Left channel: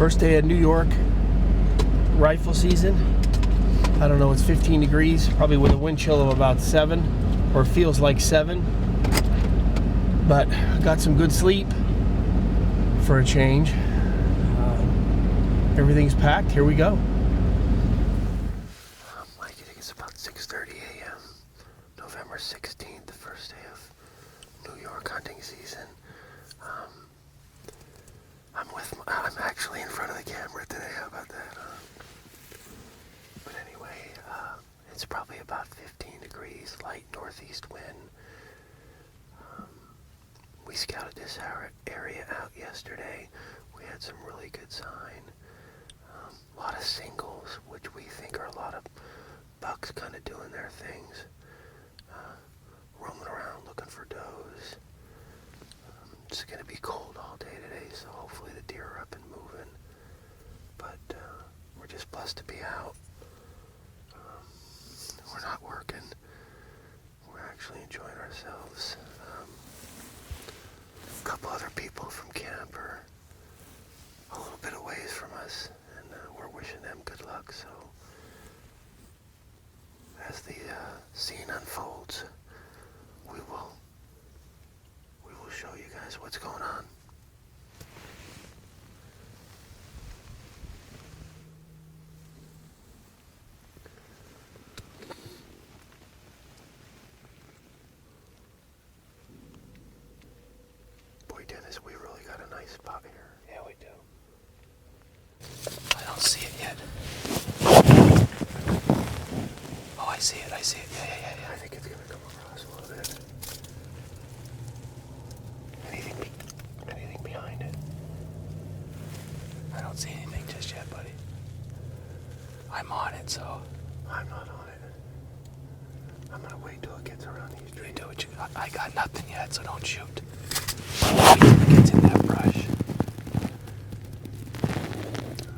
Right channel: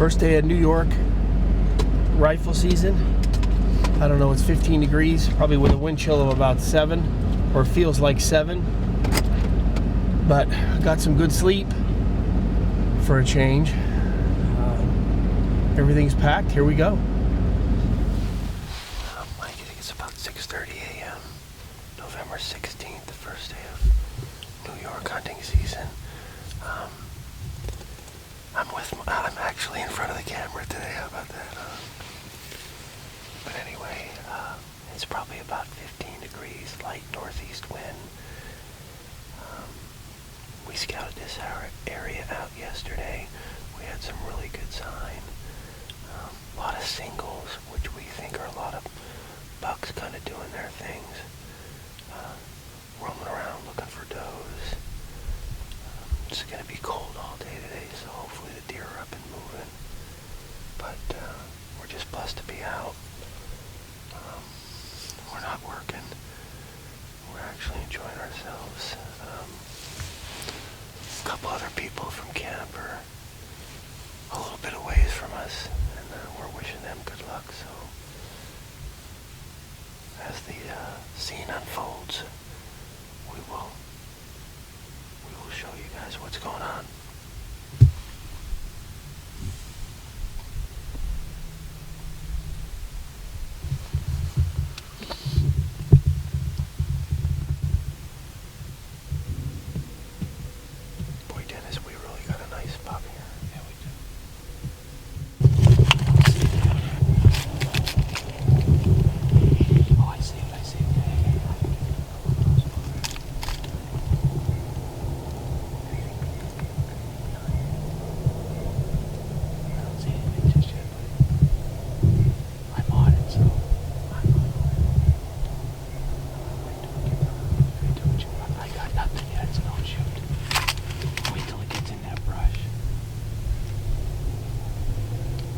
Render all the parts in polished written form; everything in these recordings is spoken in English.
First day of New York rifle season. I don't know, it's 15 degrees, probably with a wind chill of about 7, or feels like 7. But got some good sleep for a change. Everything's packed. Here we go. I think it's about 6:30 a.m. November 16th, the first day of New York hunting season. I'm actually in front of the camera today. How about that? But anyway, it's probably about 15 degrees, light northeast wind. We scouted this area out yesterday. We had some really good sign. A lot of singles, which we think are a lot of bucks kind of doing their things. Roaming around looking for does. It's going to be cold all day today, so hopefully the deer are up and moving. But we're just blessed to be out. We're not working. We're actually enjoying ourselves. A couple other people from camp are a little bit away from us, and we're wishing them good luck. So as the scene unfolds, we will show you guys what's going on. Boy, Dennis, we really got a nice spot here. Yeah, we do. I don't see it yet. Oh, I see it. Yeah. I think it's going to come across over there. Anything behind it? I don't see anything just yet, buddy. I'm on it, so I'm not on it. I'm going to wait till it gets around. Really do what you want. I got nothing yet, so don't shoot. Wait till it gets in that brush.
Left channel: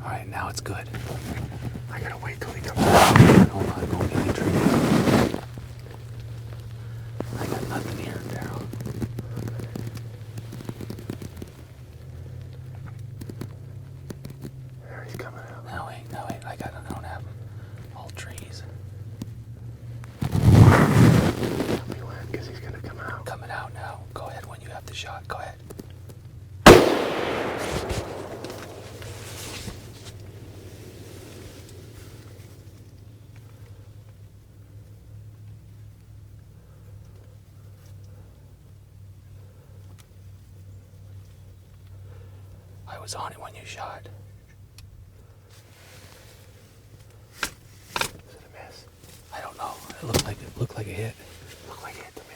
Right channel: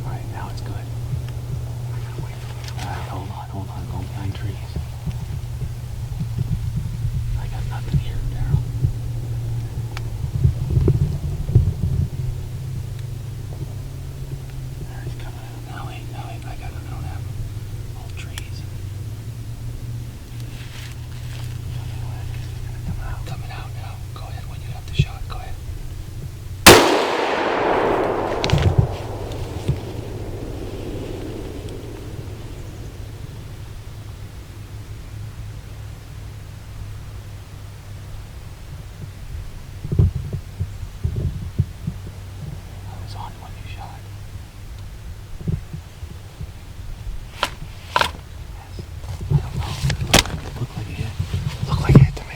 Alright, now it's good. I gotta wait till he comes around. Hold on, go behind trees. I got nothing here, Daryl. There, he's coming out. Now wait, I don't have old trees. Go ahead, because he's gonna come out. Coming out now. Go ahead when you have the shot. Go ahead. I was on it when you shot. Yes. I don't know. It looked like a hit. Looked like a hit to me.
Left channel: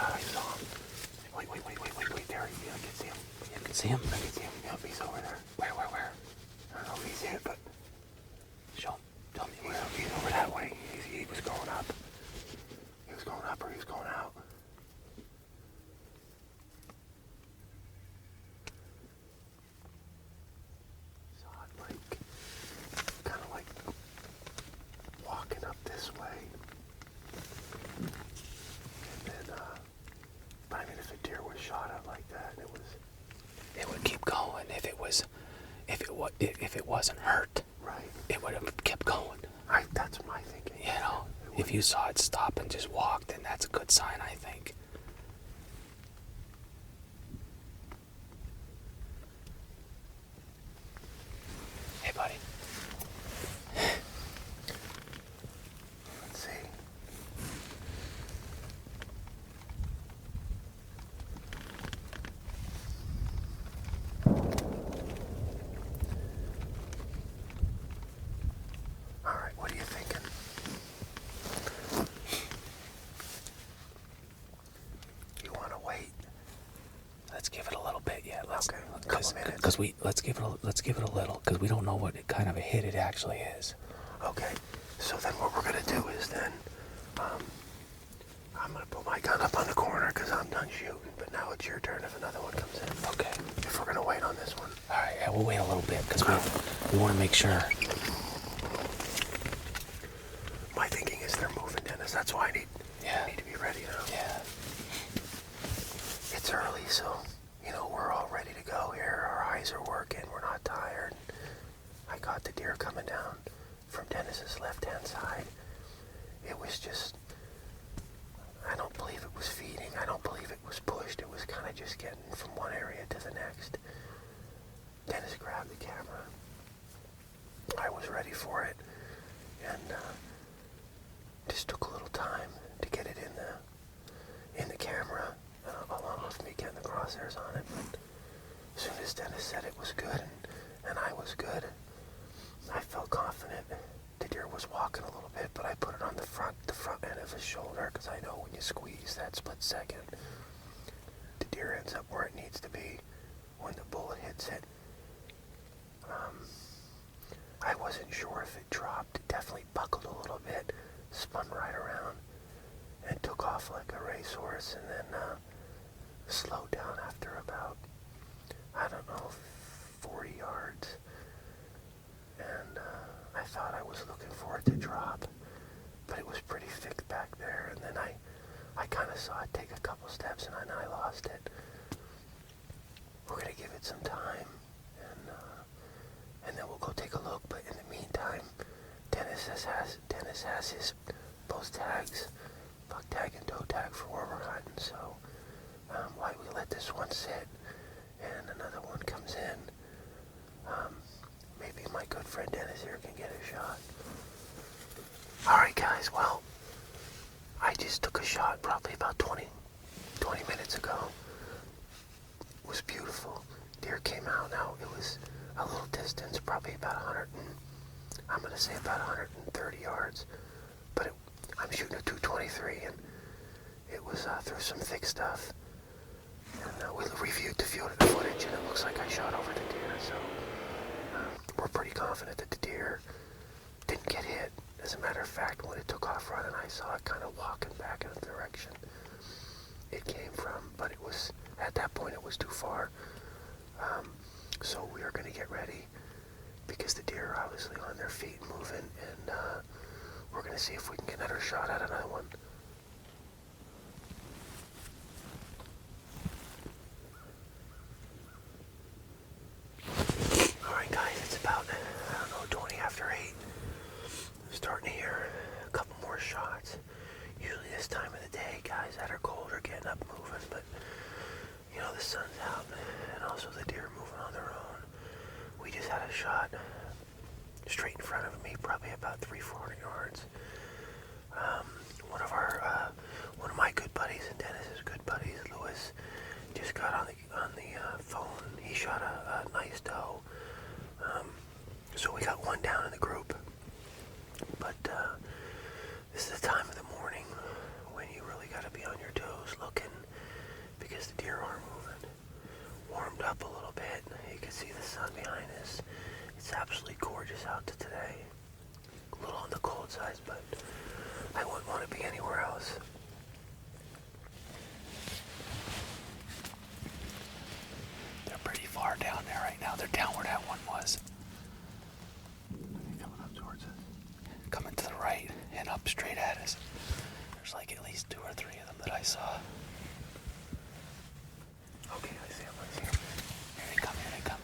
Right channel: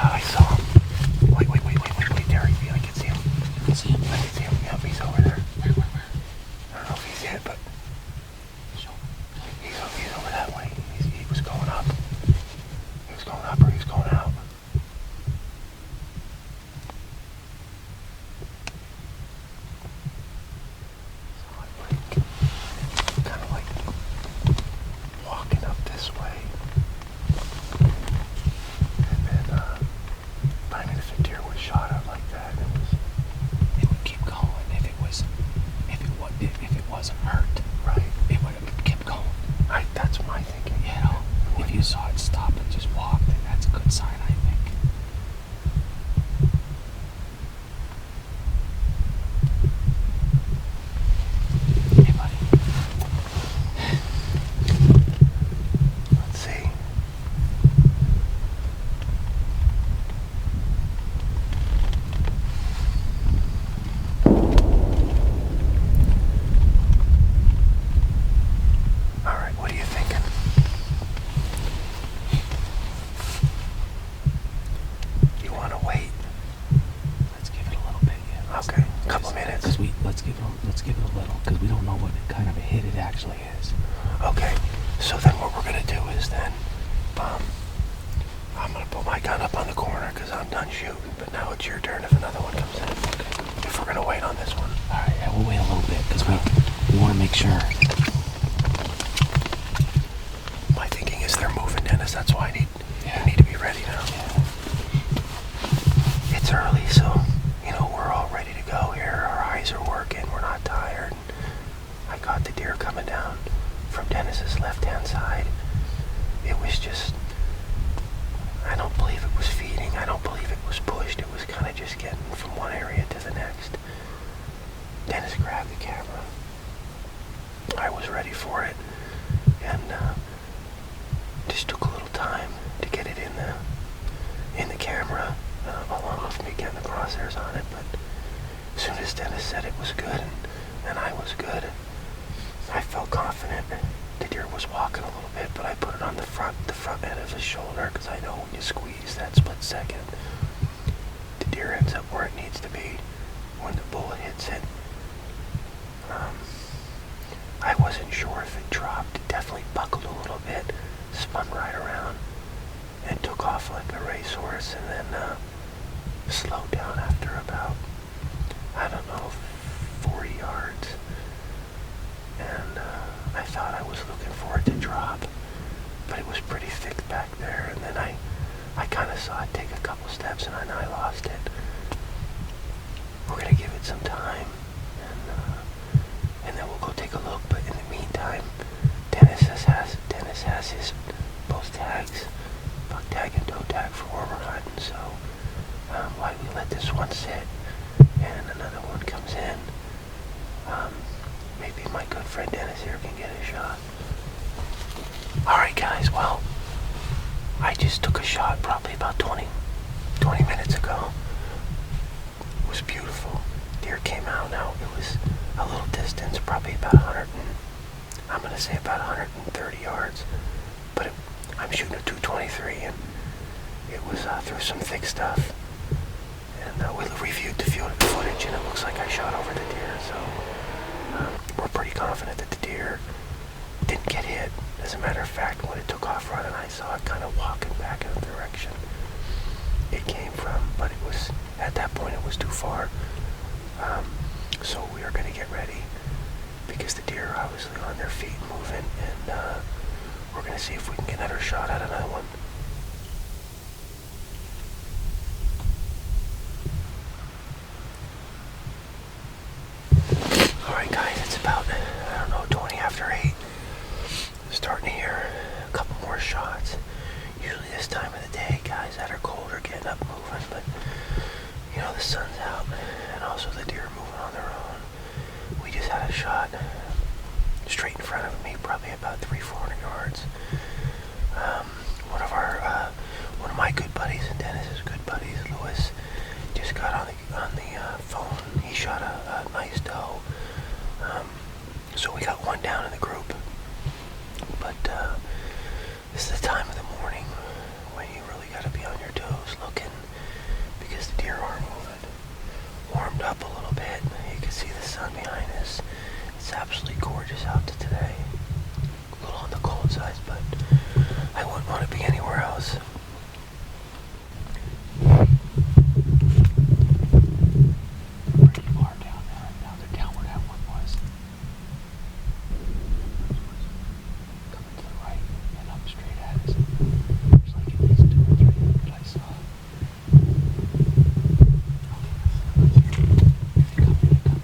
I saw him. Wait, Derek, I can see him. You can see him? I can see him. Yep, he's over there. Where? I don't know if he's hit, but show. He's over that way. He was going up. He was going up or he was going out. So I'm kind of like walking up this way. And then, I mean, if a deer was shot out like that, it would keep going. If it wasn't hurt, right? It would have kept going. That's my thinking. You know, if you saw it stop and just walk, then that's a good sign, I think. Hey, buddy. Let's see. All right, what are you thinking? You want to wait? Let's give it a little bit, yeah. Okay, a couple minutes. Let's give it a little, because we don't know what kind of a hit it actually is. Okay, so then what we're gonna do is then, I'm gonna put my gun up on the corner because I'm done shooting. But now it's your turn if another one comes in. Okay. If we're gonna wait on this one. All right, yeah, we'll wait a little bit because we want to make sure. My thinking is they're moving, Dennis. That's why I need to be ready now. Yeah. It's early, so was ready for it, and just took a little time to get it in the camera, along with me getting the crosshairs on it. But as soon as Dennis said it was good and I was good, I felt confident. The deer was walking a little bit, but I put it on the front end of his shoulder, because I know when you squeeze that split second, the deer ends up where it needs to be when the bullet hits it. I wasn't sure if it dropped. It definitely buckled a little bit, spun right around, and took off like a racehorse, and then slowed down after about, I don't know, 40 yards. And I thought I was looking for it to drop, but it was pretty thick back there. And then I kind of saw it take a couple steps, and then I lost it. We're going to give it some time, and then we'll go take a look. But in the meantime, Dennis has his both tags, buck tag and toe tag for where we're hunting. So while we let this one sit and another one comes in, maybe my good friend Dennis here can get a shot. Alright guys, well, I just took a shot probably about 20 minutes ago. It was beautiful. Deer came out. Now it was a little distance, probably about 130 yards, but I'm shooting a 223, and it was through some thick stuff. And we reviewed the footage, and it looks like I shot over the deer, so we're pretty confident that the deer didn't get hit. As a matter of fact, when it took off running, I saw it kind of walking back in the direction it came from, but it was, at that point, it was too far. So we are going to get ready, because the deer are obviously on their feet moving, and we're going to see if we can get another shot at another one. Alright guys, it's about, 20 after 8. Starting to hear a couple more shots. Usually this time of the day, guys that are cold are getting up moving, but the sun's out, and also the deer are moving on their own. We just had a shot straight in front of me, probably about 300-400 yards. One of my good buddies and Dennis's good buddies, Lewis, just got on the phone. He shot a nice doe. So we got one down in the group. But this is the time of the morning when you really got to be on your toes looking, because the deer are moving. Warmed up a little bit. You can see the sun behind us. It's absolutely gorgeous out today. A little on the cold side, but I wouldn't want to be anywhere else. They're pretty far down there right now. They're down where that one was. Coming to the right and up straight at us. There's like at least 2 or 3 of them that I saw. Okay, let's see. Here they come, here they come.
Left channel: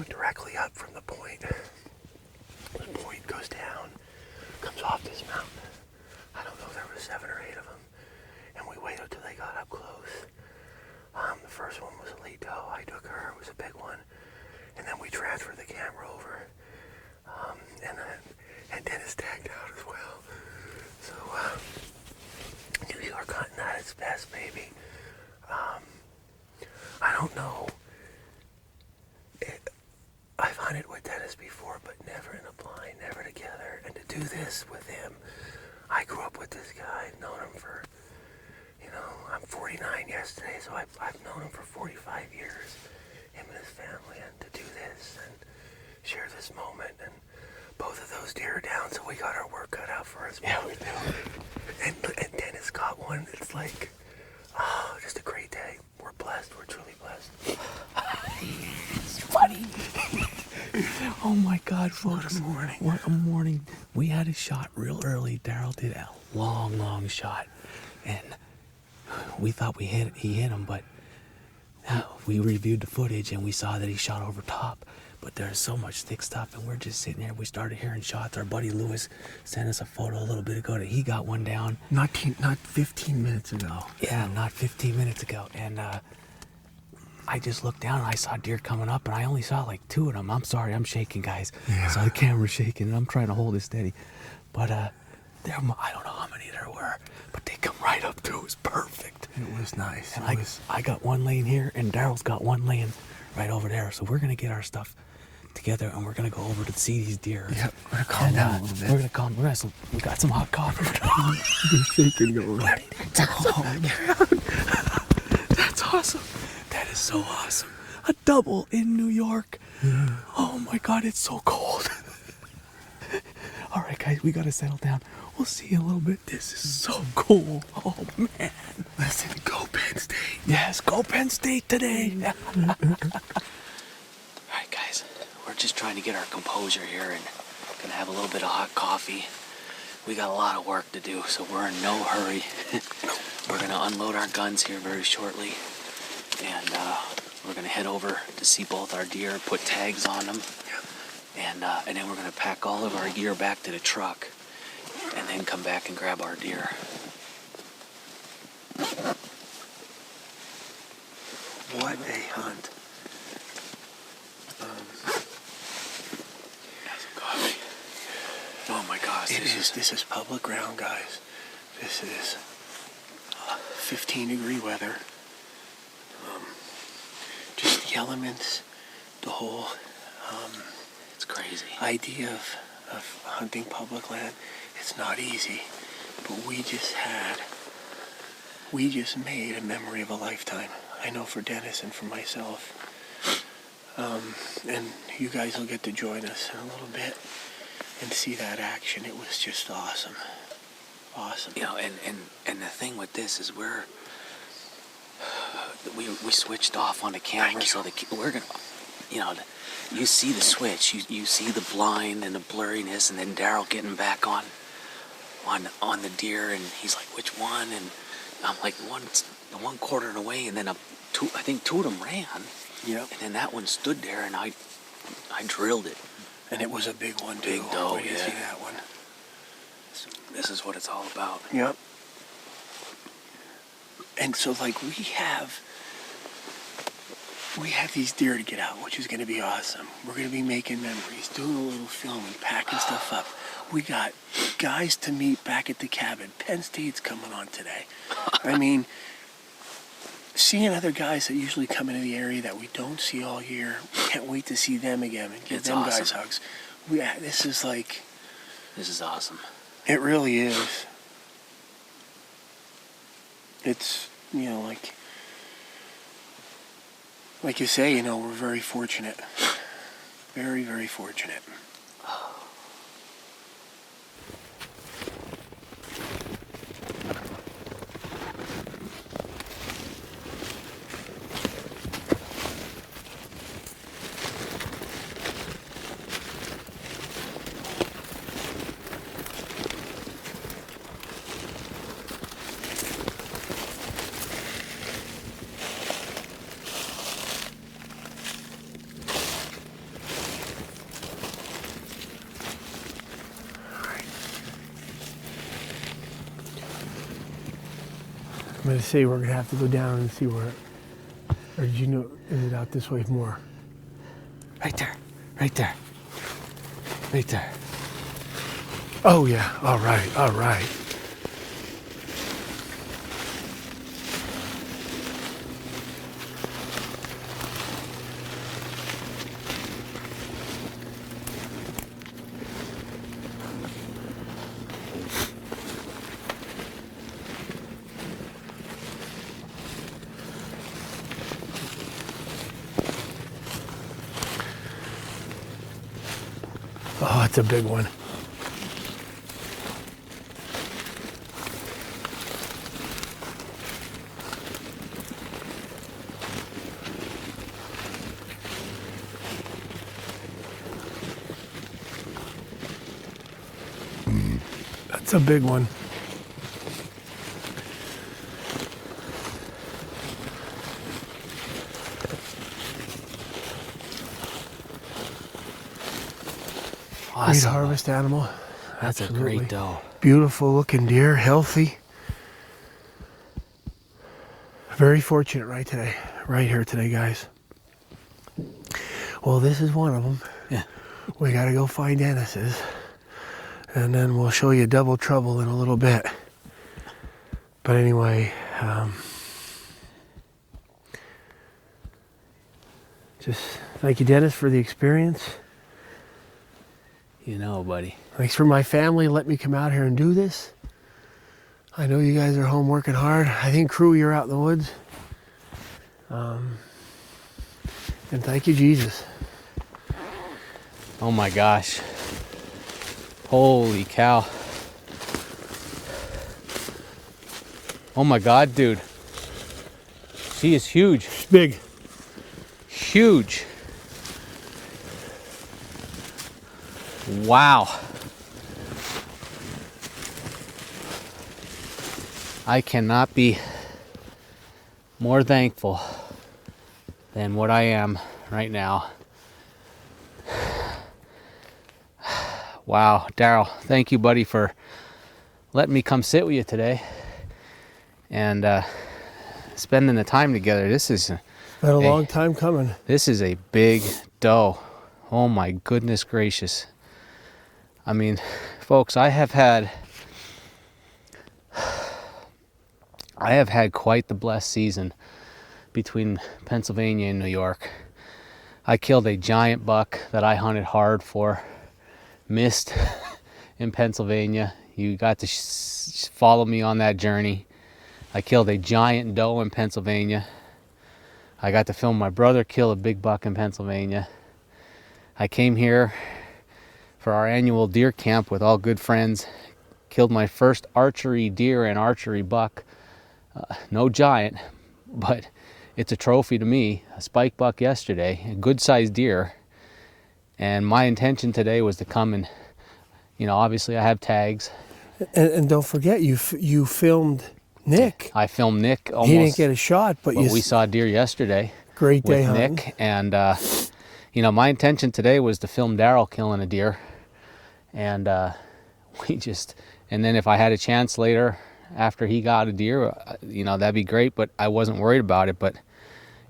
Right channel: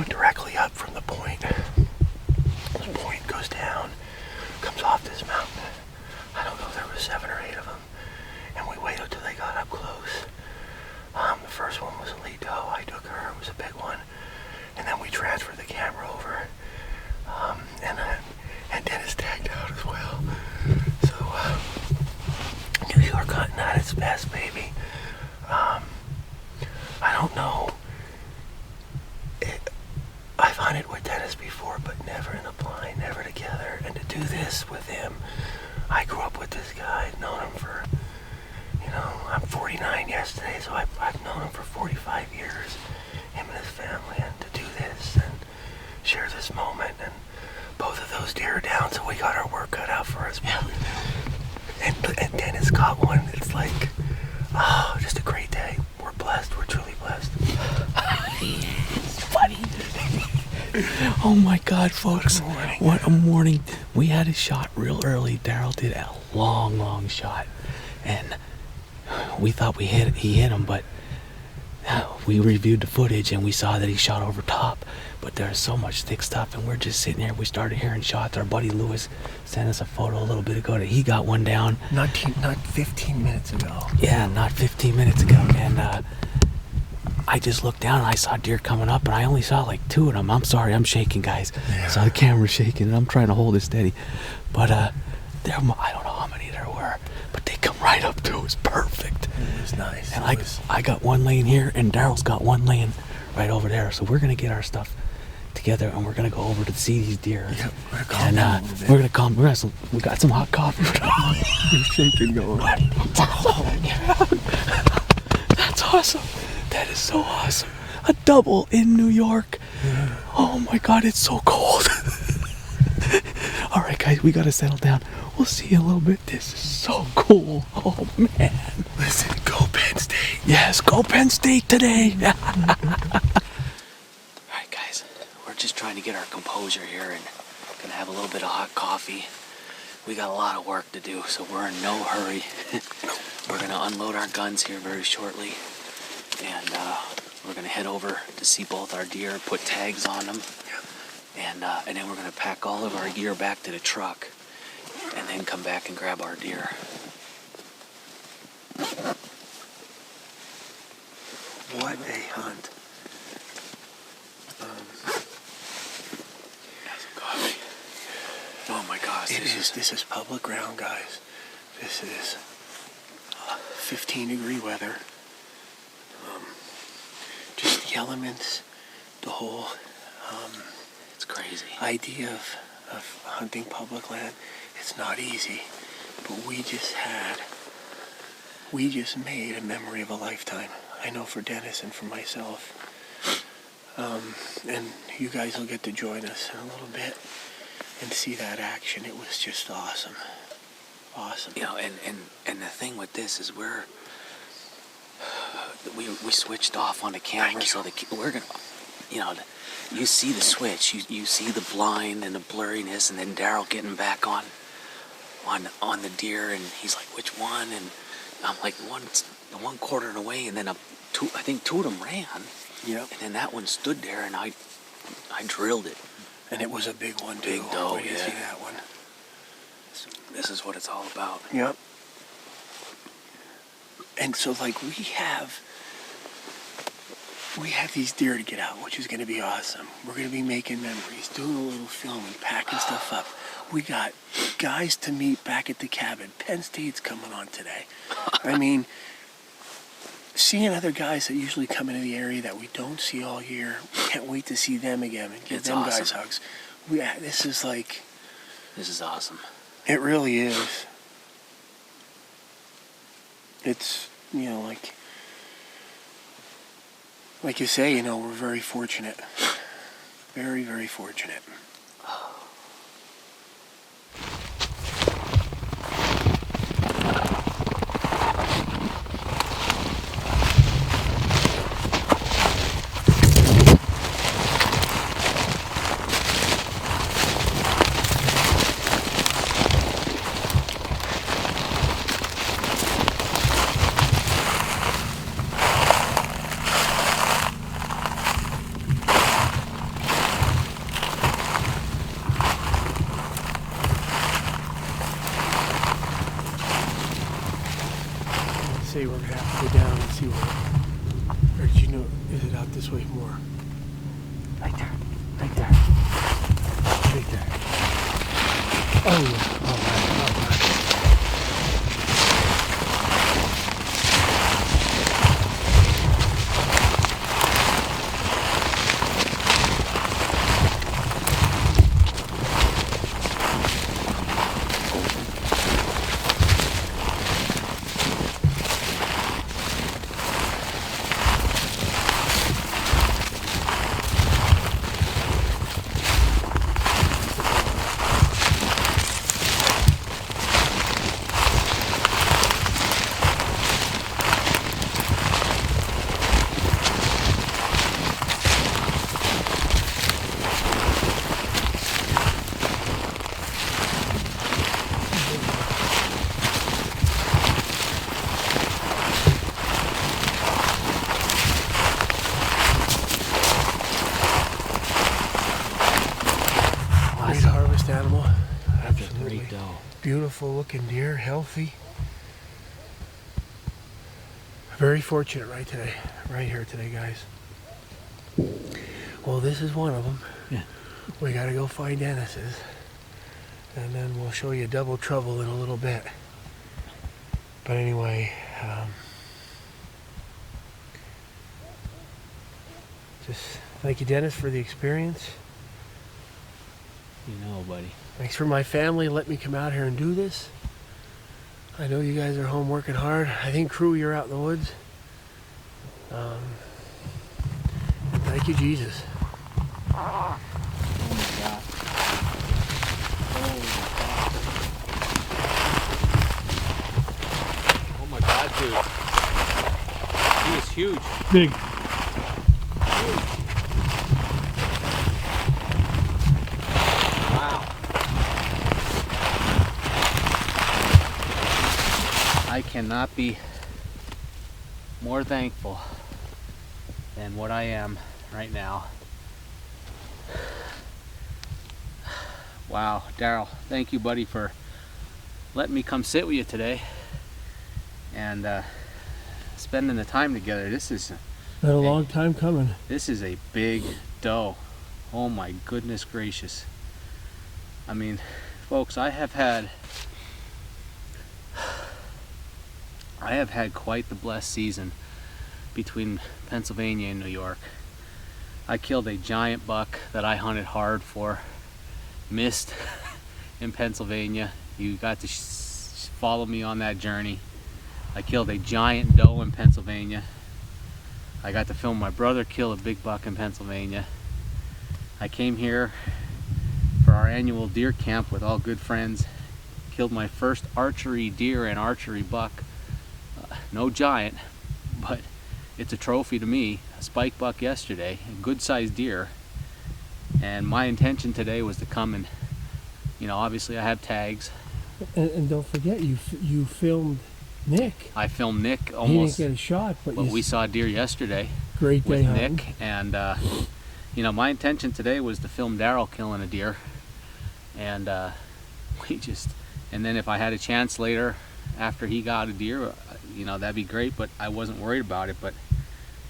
going directly up from the point. This point goes down, comes off this mountain. I don't know, there were 7 or 8 of them. And we waited till they got up close. The first one was a lead doe. I took her, it was a big one. And then we transferred the camera over. And Dennis tagged out as well. So, New York hunting at its best, baby. I don't know. I've hunted with Dennis before, but never in a blind, never together. And to do this with him, I grew up with this guy. I've known him for, I'm 49 yesterday, so I've known him for 45 years. Him and his family, and to do this and share this moment, and both of those deer are down, so we got our work cut out for us. Yeah. And Dennis got one. It's like, just a great day. We're blessed. We're truly blessed. It's funny. Oh my God, folks. What a morning. We had a shot real early. Daryl did a long shot. And we thought he hit him, but we reviewed the footage and we saw that he shot over top. But there's so much thick stuff, and we're just sitting here. We started hearing shots. Our buddy Lewis sent us a photo a little bit ago that he got one down. Not 15 minutes ago. Yeah, not 15 minutes ago. And I just looked down and I saw deer coming up, and I only saw like 2 of them. I'm sorry, I'm shaking, guys. Yeah. So the camera's shaking, and I'm trying to hold it steady. But I don't know how many there were, but they come right up to it. It was perfect. It was nice. And I got one laying here, and Daryl's got one laying right over there. So we're gonna get our stuff together, and we're gonna go over to see these deer. Yeah, we're gonna calm. We got some hot coffee. You're shaking, going. That's awesome. That is so awesome. A double in New York. Yeah. Oh my God, it's so cold. All right, guys, we gotta settle down. We'll see you in a little bit. This is so cool. Oh man. Listen, go Penn State. Yes, go Penn State today. All right, guys, we're just trying to get our composure here and gonna have a little bit of hot coffee. We got a lot of work to do, so we're in no hurry. We're gonna unload our guns here very shortly, and we're gonna head over to see both our deer, put tags on them, and then we're gonna pack all of our gear back to the truck, and then come back and grab our deer. What a hunt. Oh my gosh. This is public ground, guys. This is 15-degree weather. Just the elements, the whole It's crazy. idea of hunting public land. It's not easy, but we just made a memory of a lifetime. I know for Dennis and for myself. And you guys will get to join us in a little bit and see that action. It was just awesome. Awesome. And the thing with this is we switched off on the camera, so we're gonna, you see the switch, you see the blind and the blurriness, and then Daryl getting back on the deer, and he's like, which one? And I'm like, the one quartering away, and then I think 2 of them ran. Yep. And then that one stood there, and I drilled it. And it was a big one too. Big doe, Where do you see that one? This is what it's all about. Yep. And so we have these deer to get out, which is going to be awesome. We're going to be making memories, doing a little filming, packing stuff up. We got guys to meet back at the cabin. Penn State's coming on today. I mean, seeing other guys that usually come into the area that we don't see all year, we can't wait to see them again and give them awesome. Guys hugs. This is awesome. It really is. It's, like you say, we're very fortunate. Very, very fortunate. say we're gonna have to go down and see where. Or did you know? Is it out this way more? Right there. Right there. Right there. Oh yeah. All right. All right. Oh, it's a big one. That's a big one. Great Awesome. harvest animal. That's a Absolutely. great doe. Beautiful looking deer, healthy. Very fortunate right here today, guys. Well, this is one of them. Yeah. We got to go find Dennis's, and then we'll show you double trouble in a little bit. But anyway, just thank you, Dennis, for the experience. You know, buddy. Thanks for my family letting me come out here and do this. I know you guys are home working hard. I think, crew, you're out in the woods. And thank you, Jesus. Oh my gosh. Holy cow. Oh my God, dude. He is huge. Big. Huge. Wow. I cannot be more thankful than what I am right now. Wow, Daryl, thank you, buddy, for letting me come sit with you today and spending the time together. This is Been a long time coming. This is a big doe. Oh my goodness gracious. I mean, folks, I have had quite the blessed season between Pennsylvania and New York. I killed a giant buck that I hunted hard for, missed in Pennsylvania. You got to follow me on that journey. I killed a giant doe in Pennsylvania. I got to film my brother kill a big buck in Pennsylvania. I came here for our annual deer camp with all good friends, killed my first archery deer and archery buck. No giant, but it's a trophy to me. A spike buck yesterday, a good sized deer. And my intention today was to come and, you know, obviously I have tags. And don't forget, you filmed Nick. I filmed Nick almost. He didn't get a shot, but we saw deer yesterday. Great day with hunting. Nick, and you know, my intention today was to film Daryl killing a deer, and and then if I had a chance later after he got a deer, you know, that'd be great. But I wasn't worried about it. But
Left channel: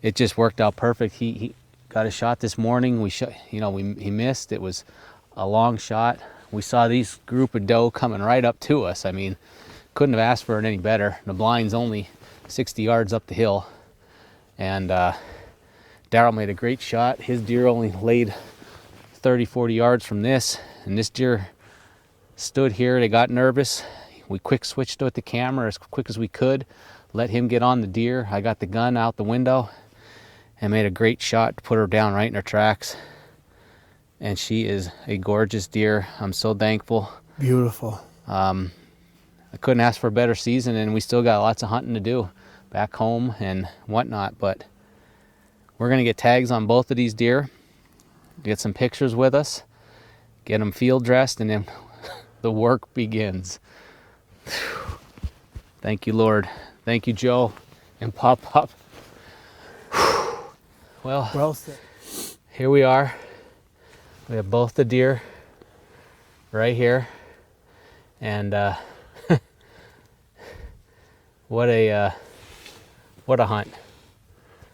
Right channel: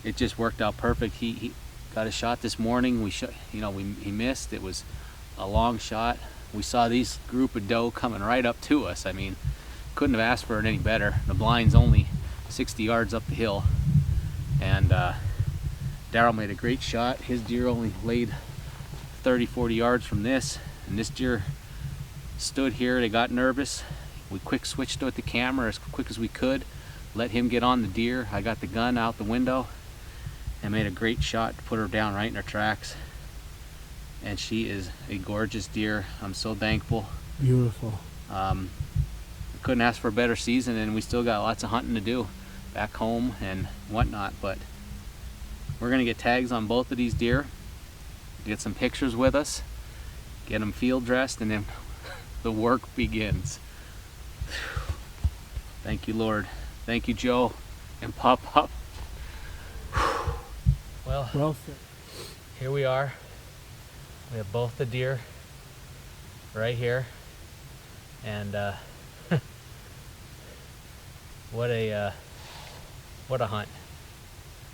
it just worked out perfect. He got a shot this morning. He missed. It was a long shot. We saw these group of doe coming right up to us. I mean, couldn't have asked for it any better. The blind's only 60 yards up the hill, and Daryl made a great shot. His deer only laid 30-40 yards from this, and this deer stood here. They got nervous. We quick switched with the camera as quick as we could, let him get on the deer. I got the gun out the window and made a great shot to put her down right in her tracks. And she is a gorgeous deer. I'm so thankful. Beautiful. I couldn't ask for a better season, and we still got lots of hunting to do back home and whatnot, but we're going to get tags on both of these deer, get some pictures with us, get them field dressed, and then the work begins. Thank you, Lord. Thank you, Joe and Pop. Well, here we are. We have both the deer right here, and what a What a hunt.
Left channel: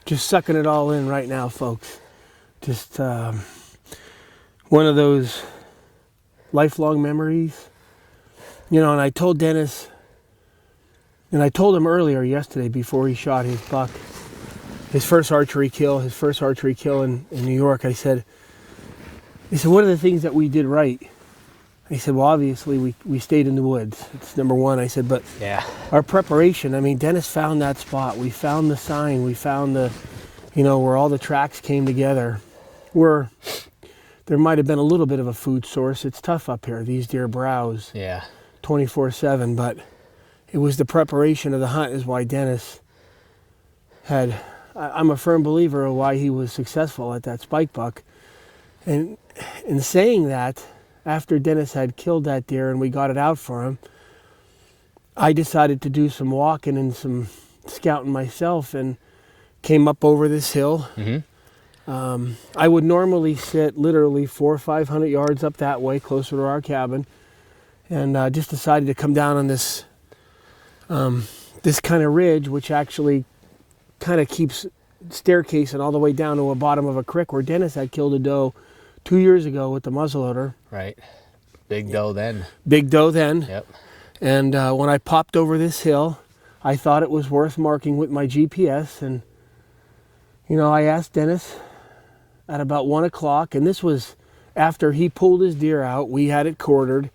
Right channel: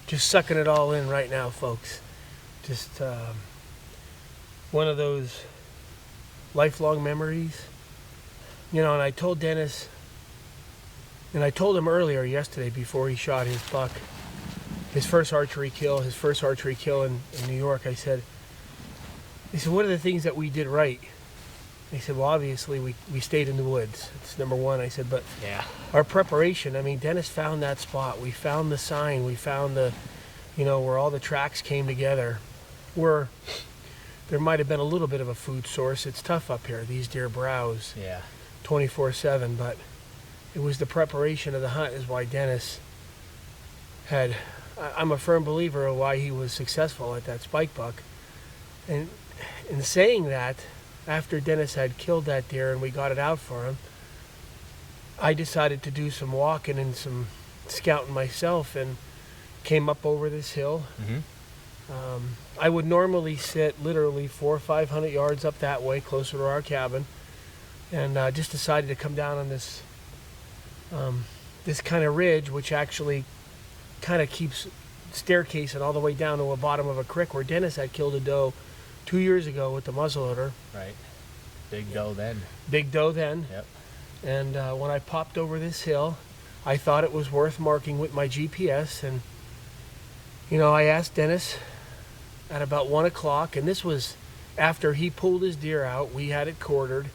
Just sucking it all in right now, folks. Just one of those lifelong memories. You know, and I told Dennis, and I told him earlier yesterday before he shot his buck, his first archery kill in New York. I said, what are the things that we did right? He said, well, obviously we stayed in the woods. It's number one. I said, but yeah, our preparation, I mean, Dennis found that spot. We found the sign. We found the, you know, where all the tracks came together. Where there might have been a little bit of a food source. It's tough up here. These deer browse 24/7, but it was the preparation of the hunt is why Dennis had, I'm a firm believer of why he was successful at that spike buck. And in saying that, after Dennis had killed that deer and we got it out for him, I decided to do some walking and some scouting myself and came up over this hill. I would normally sit literally 400 or 500 yards up that way, closer to our cabin, and just decided to come down on this this kind of ridge, which actually kind of keeps staircasing all the way down to the bottom of a creek where Dennis had killed a doe 2 years ago with the muzzleloader. Right. Big doe then. Big doe then. Yep. And when I popped over this hill, I thought it was worth marking with my GPS. And, you know, I asked Dennis at about 1 o'clock, and this was after he pulled his deer out. We had it quartered,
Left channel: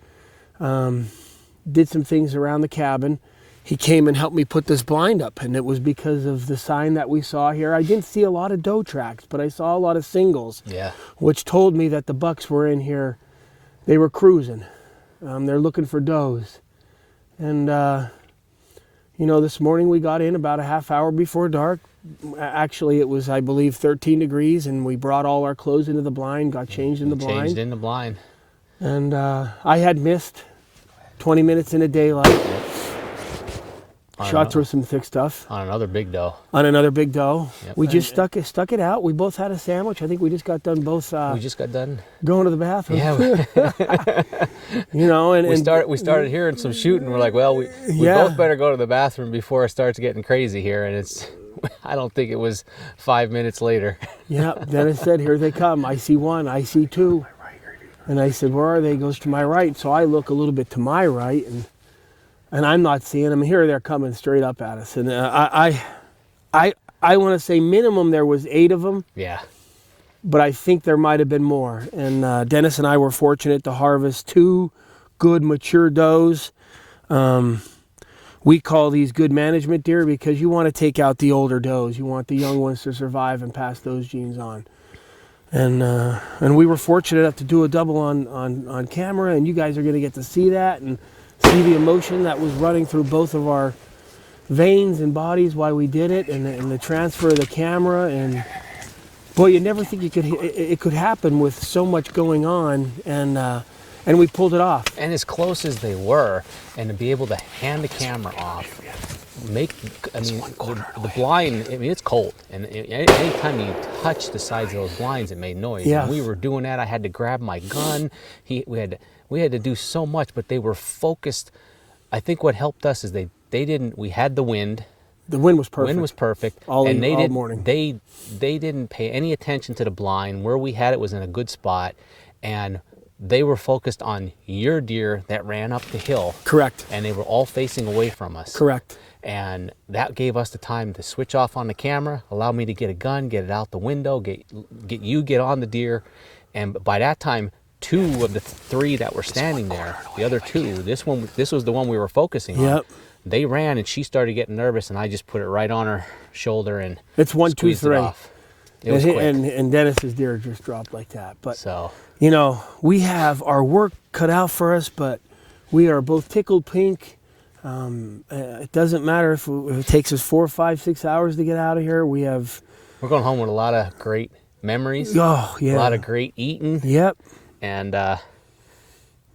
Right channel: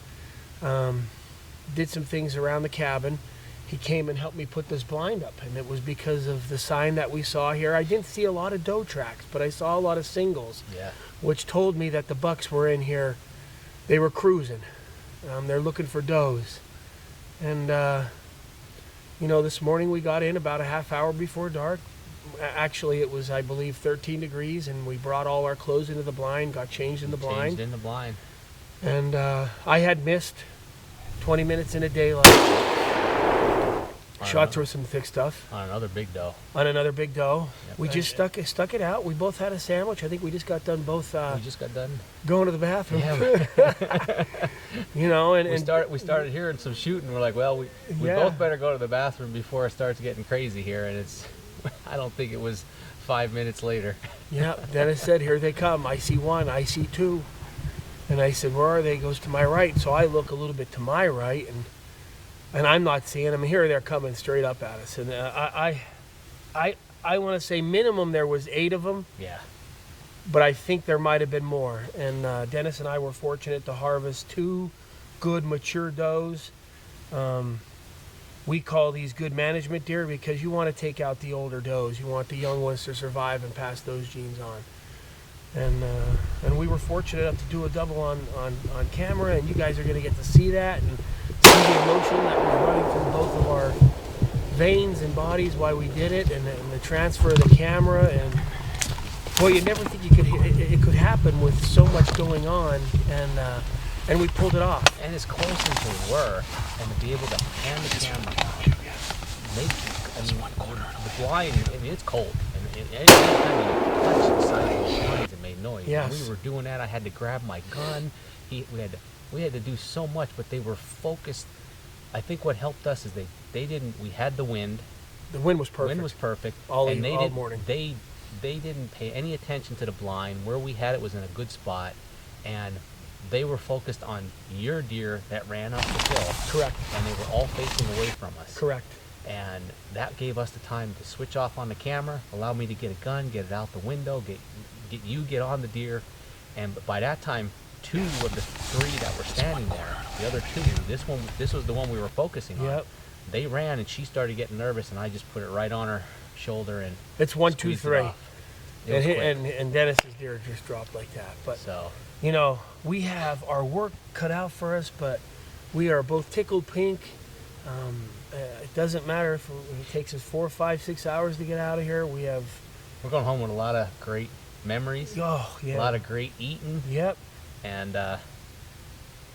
did some things around the cabin. He came and helped me put this blind up, and it was because of the sign that we saw here. I didn't see a lot of doe tracks, but I saw a lot of singles, which told me that the bucks were in here. They were cruising. They're looking for does. And, you know, this morning we got in about a half hour before dark. Actually, it was, I believe, 13 degrees, and we brought all our clothes into the blind, got changed in the blind. Changed in the blind. And I had missed 20 minutes in the daylight. Shot through some thick stuff. On another big doe. On another big doe. Yep, we just stuck it out. We both had a sandwich. I think we just got done both. We just got done going to the bathroom. Yeah. You know, and we started hearing some shooting. We're like, well, we both better go to the bathroom before it starts getting crazy here. And it's, I don't think it was 5 minutes later. Yeah. Dennis said, "Here they come. I see one. I see two." And I said, "Where are they?" He goes, "To my right." So I look a little bit to my right, and I'm not seeing them. Here they're coming straight up at us. And I want to say minimum there was 8 of them. Yeah. But I think there might have been more. And Dennis and I were fortunate to harvest 2 good mature does. We call these good management deer because you want to take out the older does. You want the young ones to survive and pass those genes on. And we were fortunate enough to do a double on camera, and you guys are going to get to see that and see the emotion that was running through both of our veins and bodies while we did it, and the transfer of the camera. And boy, you never think it could happen with so much going on, and we pulled it off. And as close as they were, and to be able to hand the camera off, the blind, I mean, it's cold, and anytime you touch the sides of those blinds, it made noise. Yes. When we were doing that, I had to grab my gun. We had to do so much, but they were focused. I think what helped us is they didn't. We had the wind. The wind was perfect. Wind was perfect. All didn't, morning. They didn't pay any attention to the blind. Where we had it was in a good spot, and they were focused on your deer that ran up the hill. Correct. And they were all facing away from us. Correct. And that gave us the time to switch off on the camera, allow me to get a gun, get it out the window, get on the deer, and by that time, 2 of the 3 that were standing there, the other 2, this was the one we were focusing on. They ran, and she started getting nervous, and I just put it right on her shoulder and it's 1, 2, 3. It was quick. And Dennis's deer just dropped like that. But so, you know, we have our work cut out for us, but we are both tickled pink. It doesn't matter if it takes us 4, 5, 6 hours to get out of here. We're going home with a lot of great memories. Oh yeah, a lot of great eating. Yep. And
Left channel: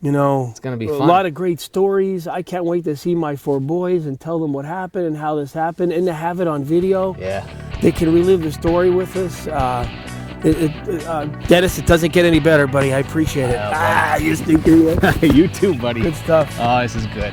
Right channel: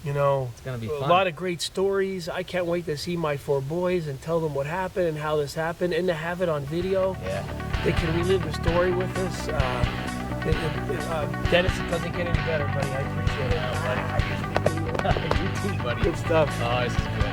you know, it's gonna be fun. A lot of great stories. I can't wait to see my 4 boys and tell them what happened and how this happened, and to have it on video. Yeah. They can relive the story with us. Dennis, it doesn't get any better, buddy. I appreciate it. Yeah, you stupid. You too, buddy. Good stuff. Oh, this is good.